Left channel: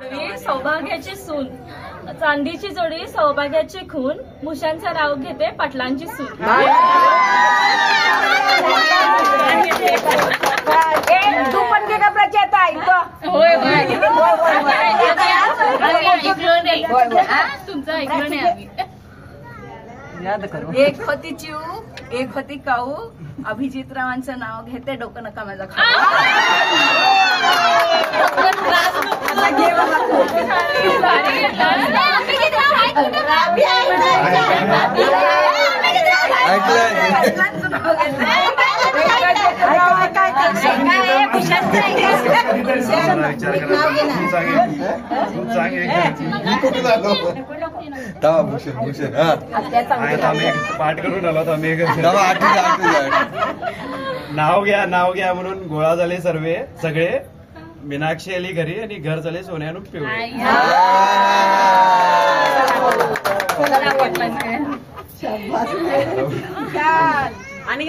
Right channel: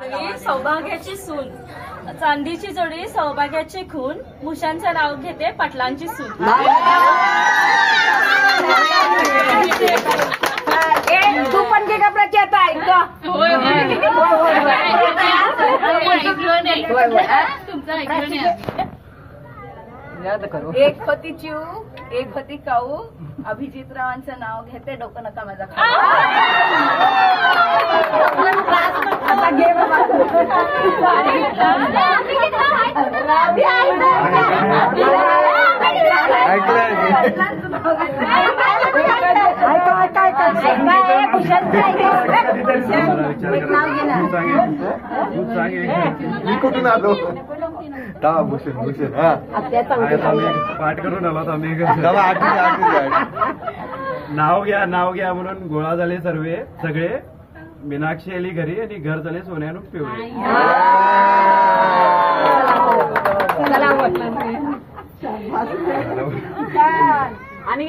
सौभाग्याची सून, चांदीची जोडी सौभाग्याची खून, मुशांचं नाव घेते पाटलांची सून. तू पण ते का प्रचार ऐकतो. तुमचं ऐकलं नाही. एक होती चिऊ, एक होती काऊ, अभिजित रावांचं नाव घेते, डोकं नका माझा कुठून आलो भूषण पाठ करून आलो आम्ही. नाव घ्या म्हणून गोळा झाले सगळे. मीनाक्षी आली घरी आणि घर झाले सोन्यानं पिवळे. आणि